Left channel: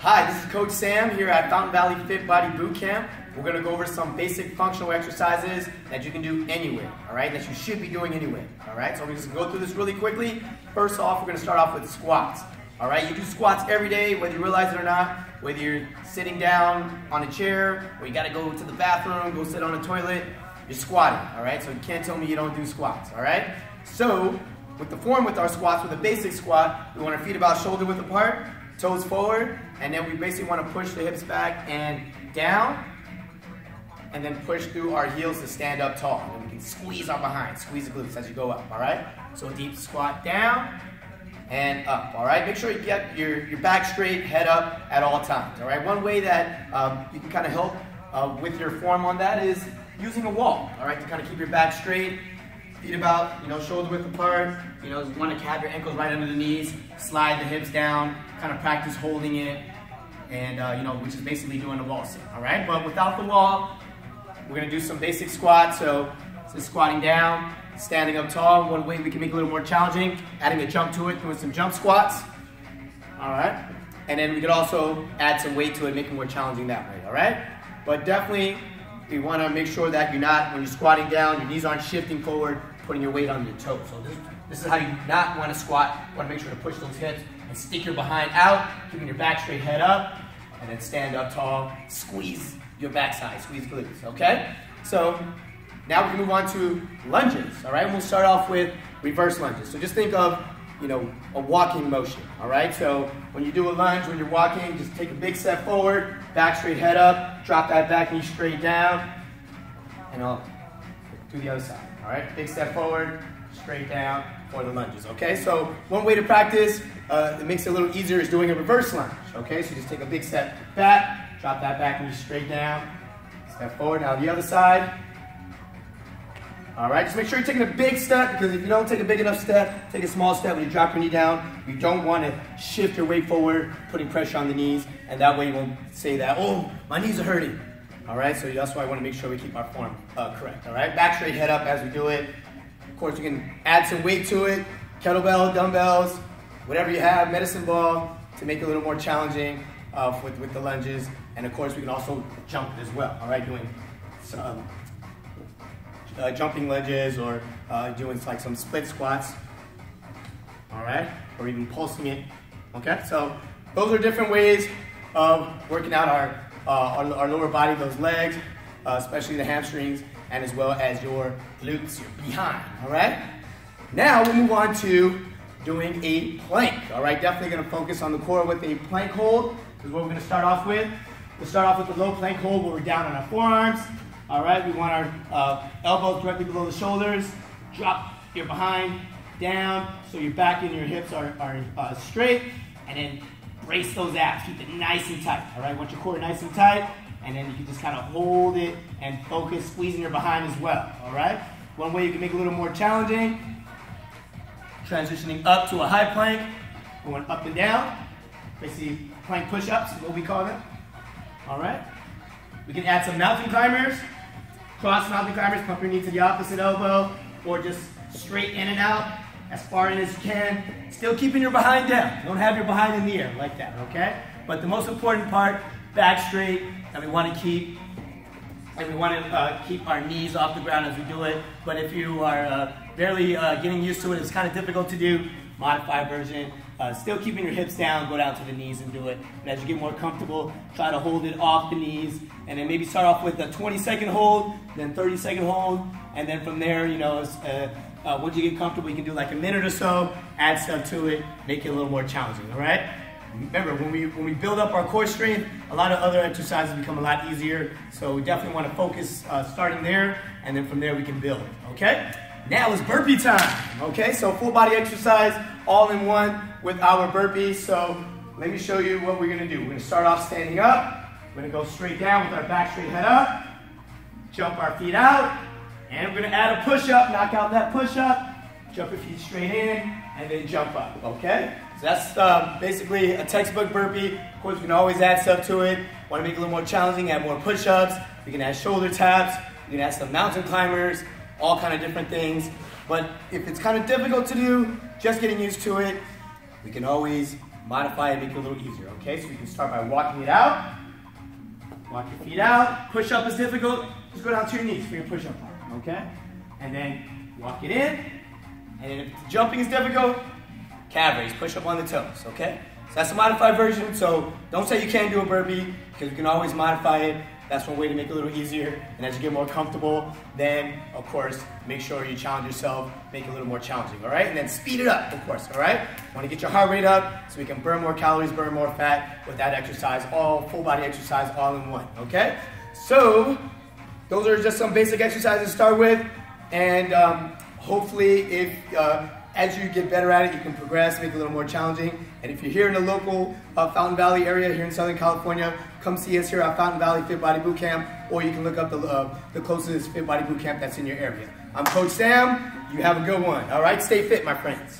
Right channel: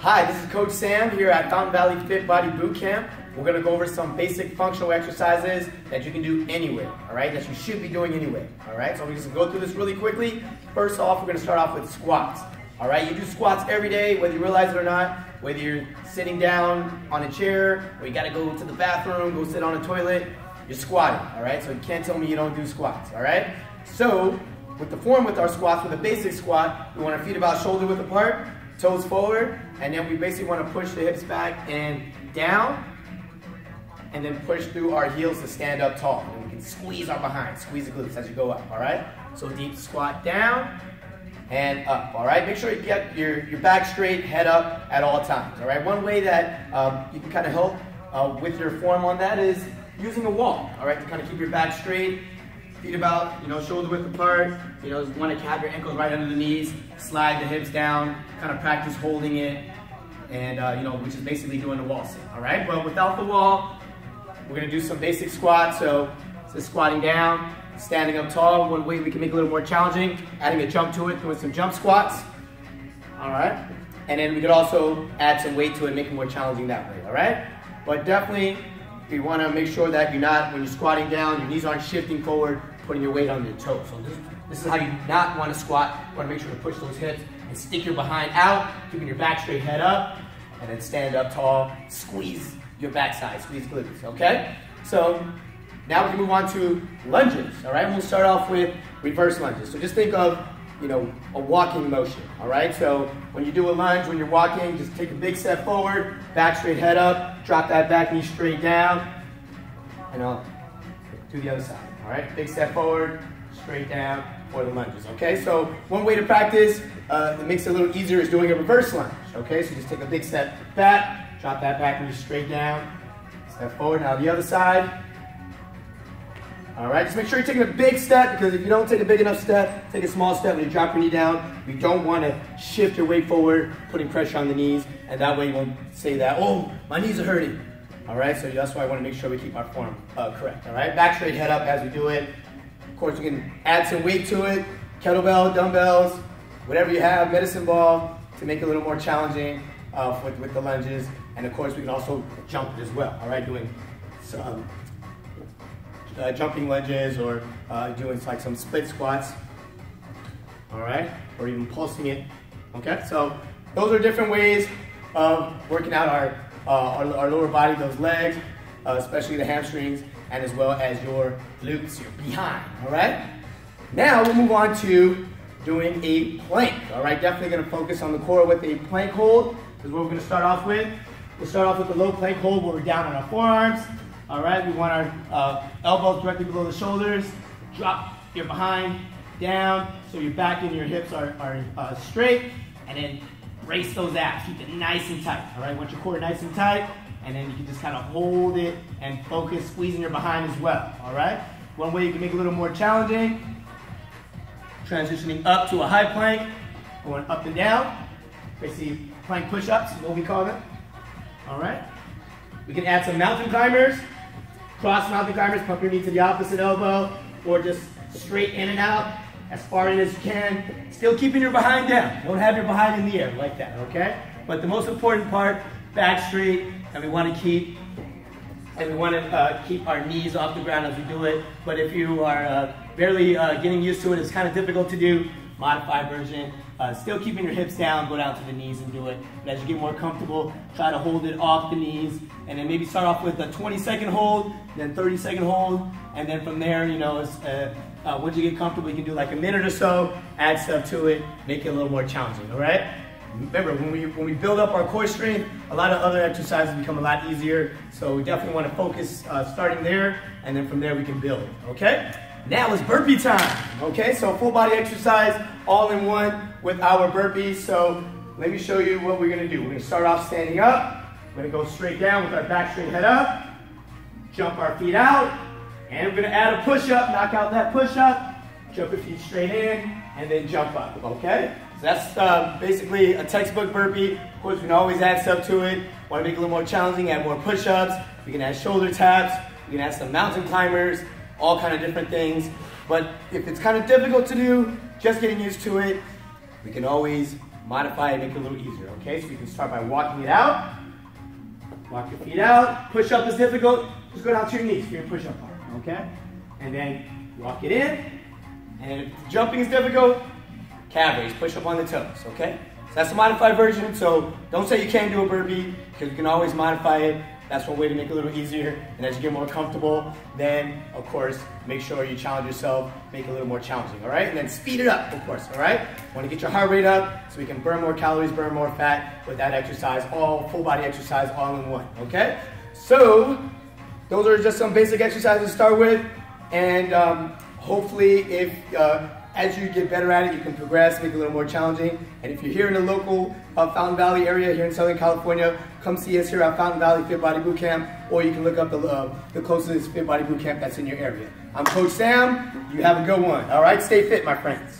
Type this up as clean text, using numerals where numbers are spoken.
Hi, this is Coach Sam here at Fountain Valley Fit Body Boot Camp. We're going to go over some basic functional exercises that you can do anywhere, all right, that you should be doing anyway, all right? So we're just going to go through this really quickly. First off, we're going to start off with squats, all right? You do squats every day, whether you realize it or not, whether you're sitting down on a chair, or you got to go to the bathroom, go sit on a toilet, you're squatting, all right? So you can't tell me you don't do squats, all right? So with the form with our squats, with a basic squat, we want our feet about shoulder width apart, toes forward, and then we basically want to push the hips back and down, and then push through our heels to stand up tall. And we can squeeze our behind, squeeze the glutes as you go up, all right? So deep squat down and up, all right? Make sure you get your back straight, head up at all times, all right? One way that you can kind of help with your form on that is using a wall, all right? To kind of keep your back straight, feet about, shoulder width apart. You want to have your ankles right under the knees, slide the hips down, kind of practice holding it, and which is basically doing the wall sit, all right? But without the wall, we're going to do some basic squats. So squatting down, standing up tall. One way we can make it a little more challenging, adding a jump to it, doing some jump squats, all right? And then we could also add some weight to it, make it more challenging that way, all right? But definitely, you want to make sure that you're not, when you're squatting down, your knees aren't shifting forward, putting your weight on your toes. So this is how you not want to squat. You want to make sure to push those hips and stick your behind out, keeping your back straight, head up, and then stand up tall, squeeze your backside, squeeze glutes, okay? So now we can move on to lunges, all right? We'll start off with reverse lunges. So just think of, a walking motion, all right? So when you do a lunge, when you're walking, just take a big step forward, back straight, head up, drop that back knee straight down, and I'll do the other side, all right? Big step forward, straight down for the lunges, okay? So one way to practice, it makes it a little easier, is doing a reverse lunge, okay? So just take a big step back, drop that back knee straight down, step forward. Now the other side. All right, just make sure you're taking a big step, because if you don't take a big enough step, take a small step when you drop your knee down. You don't want to shift your weight forward, putting pressure on the knees, and that way you won't say that, oh, my knees are hurting. All right, so that's why I want to make sure we keep our form correct. All right, back straight, head up as we do it. Of course, you can add some weight to it, kettlebell, dumbbells, whatever you have, medicine ball, to make it a little more challenging with the lunges. And of course, we can also jump as well, all right, doing some jumping lunges, or doing like some split squats, all right, or even pulsing it, okay? So those are different ways of working out our lower body, those legs, especially the hamstrings, and as well as your glutes behind, all right? Now we'll move on to doing a plank, all right? Definitely gonna focus on the core with a plank hold, is what we're gonna start off with. We'll start off with the low plank hold where we're down on our forearms. All right, we want our elbows directly below the shoulders. Drop your behind down so your back and your hips are straight, and then brace those abs. Keep it nice and tight, all right? Want your core nice and tight, and then you can just kind of hold it and focus, squeezing your behind as well, all right? One way you can make it a little more challenging, transitioning up to a high plank, going up and down. Basically, plank push-ups is what we call them, all right? We can add some mountain climbers. Cross mountain climbers, pump your knee to the opposite elbow, or just straight in and out as far in as you can. Still keeping your behind down. Don't have your behind in the air like that, okay? But the most important part, back straight, and we want to keep our knees off the ground as we do it. But if you are barely getting used to it, it's kind of difficult to do. Modified version. Still keeping your hips down, go down to the knees and do it. And as you get more comfortable, try to hold it off the knees, and then maybe start off with a 20-second hold, then 30-second hold, and then from there, once you get comfortable, you can do like a minute or so, add stuff to it, make it a little more challenging, all right? Remember, when we build up our core strength, a lot of other exercises become a lot easier, so we definitely want to focus starting there, and then from there we can build, okay? Now it's burpee time, okay? So full body exercise, all in one with our burpees. So let me show you what we're gonna do. We're gonna start off standing up. We're gonna go straight down with our back straight, head up. Jump our feet out. And we're gonna add a push-up, knock out that push-up. Jump your feet straight in, and then jump up, okay? So that's basically a textbook burpee. Of course, we can always add stuff to it. Want to make it a little more challenging, add more push-ups. You can add shoulder taps. You can add some mountain climbers. All kind of different things. But if it's kind of difficult to do, just getting used to it, we can always modify it, make it a little easier, okay? So you can start by walking it out. Walk your feet out. Push-up is difficult. Just go down to your knees for your push-up part, okay? And then walk it in. And if jumping is difficult, calf raise, push up on the toes, okay? So that's a modified version, so don't say you can't do a burpee, because you can always modify it. That's one way to make it a little easier. And as you get more comfortable, then, of course, make sure you challenge yourself, make it a little more challenging, all right? And then speed it up, of course, all right? Want to get your heart rate up so we can burn more calories, burn more fat with that exercise, all full body exercise all in one, okay? So, those are just some basic exercises to start with. And hopefully, if as you get better at it, you can progress, make it a little more challenging. And if you're here in the local Fountain Valley area, here in Southern California, come see us here at Fountain Valley Fit Body Bootcamp, or you can look up the closest Fit Body Bootcamp that's in your area. I'm Coach Sam. You have a good one. All right, stay fit, my friends.